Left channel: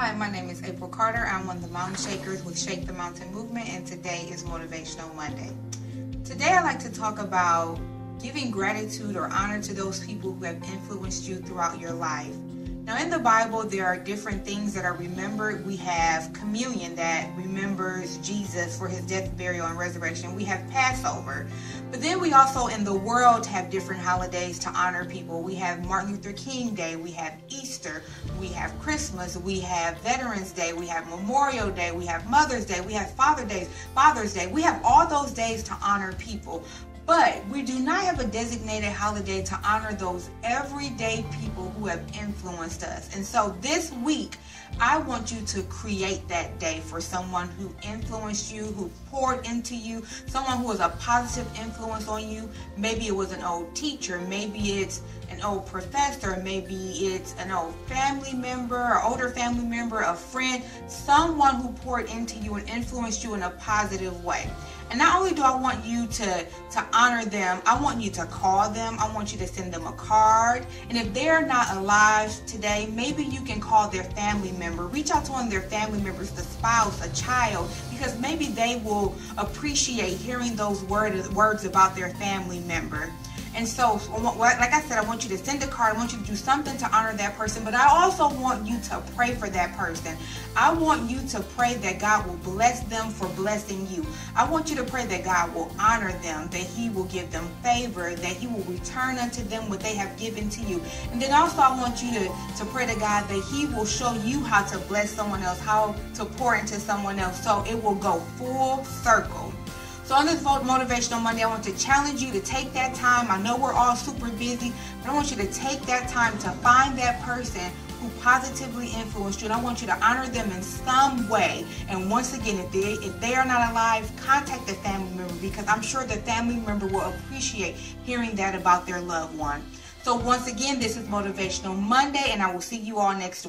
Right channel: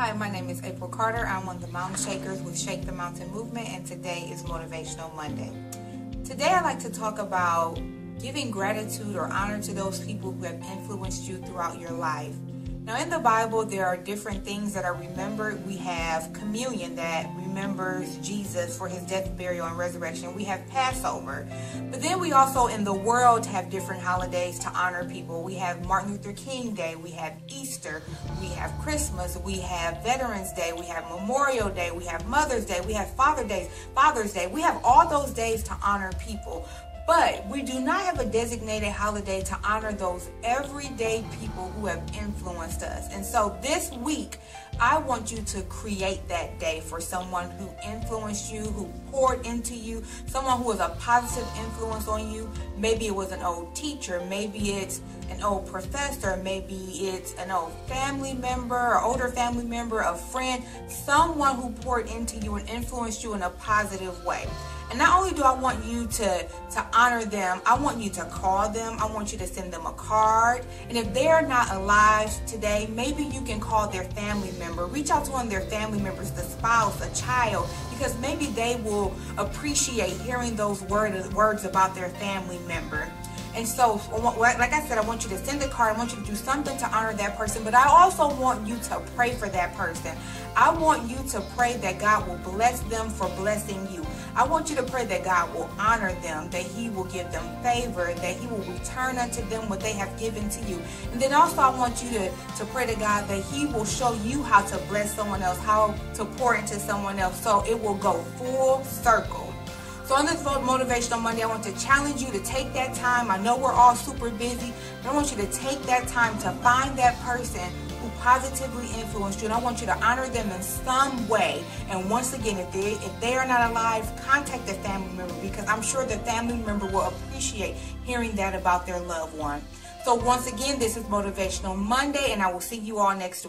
Hi, my name is April Carter. I'm one of the Mountain Shakers with Shake the Mountain Movement, and today is Motivational Monday. Today I'd like to talk about giving gratitude or honor to those people who have influenced you throughout your life. Now, in the Bible, there are different things that are remembered. We have communion that remembers Jesus for his death, burial, and resurrection. We have Passover. But then we also, in the world, have different holidays to honor people. We have Martin Luther King Day. We have Easter. We have Christmas. We have Veterans Day. We have Memorial Day. We have Mother's Day. We have Father's Day. We have all those days to honor people. But we do not have a designated holiday to honor those everyday people who have influenced us. And so this week, I want you to create that day for someone who influenced you, who poured into you, someone who was a positive influence on you. Maybe it was an old teacher, maybe it's an old professor, maybe it's an old family member, or older family member, a friend, someone who poured into you and influenced you in a positive way. And not only do I want you to honor them, I want you to call them. I want you to send them a card. And if they're not alive today, maybe you can call their family member. Reach out to one of their family members, the spouse, a child, because maybe they will appreciate hearing those words about their family member. And so, like I said, I want you to send a card. I want you to do something to honor that person. But I also want you to pray for that person. I want you to pray that God will bless them for blessing you. I want you to pray that God will honor them, that he will give them favor, that he will return unto them what they have given to you. And then also I want you to pray to God that he will show you how to bless someone else, how to pour into someone else, so it will go full circle. So on this Motivational Monday, I want to challenge you to take that time. I know we're all super busy, but I want you to take that time to find that person who positively influenced you, and I want you to honor them in some way. And once again, if they are not alive, contact the family member, because I'm sure the family member will appreciate hearing that about their loved one. So once again, this is Motivational Monday, and I will see you all next week.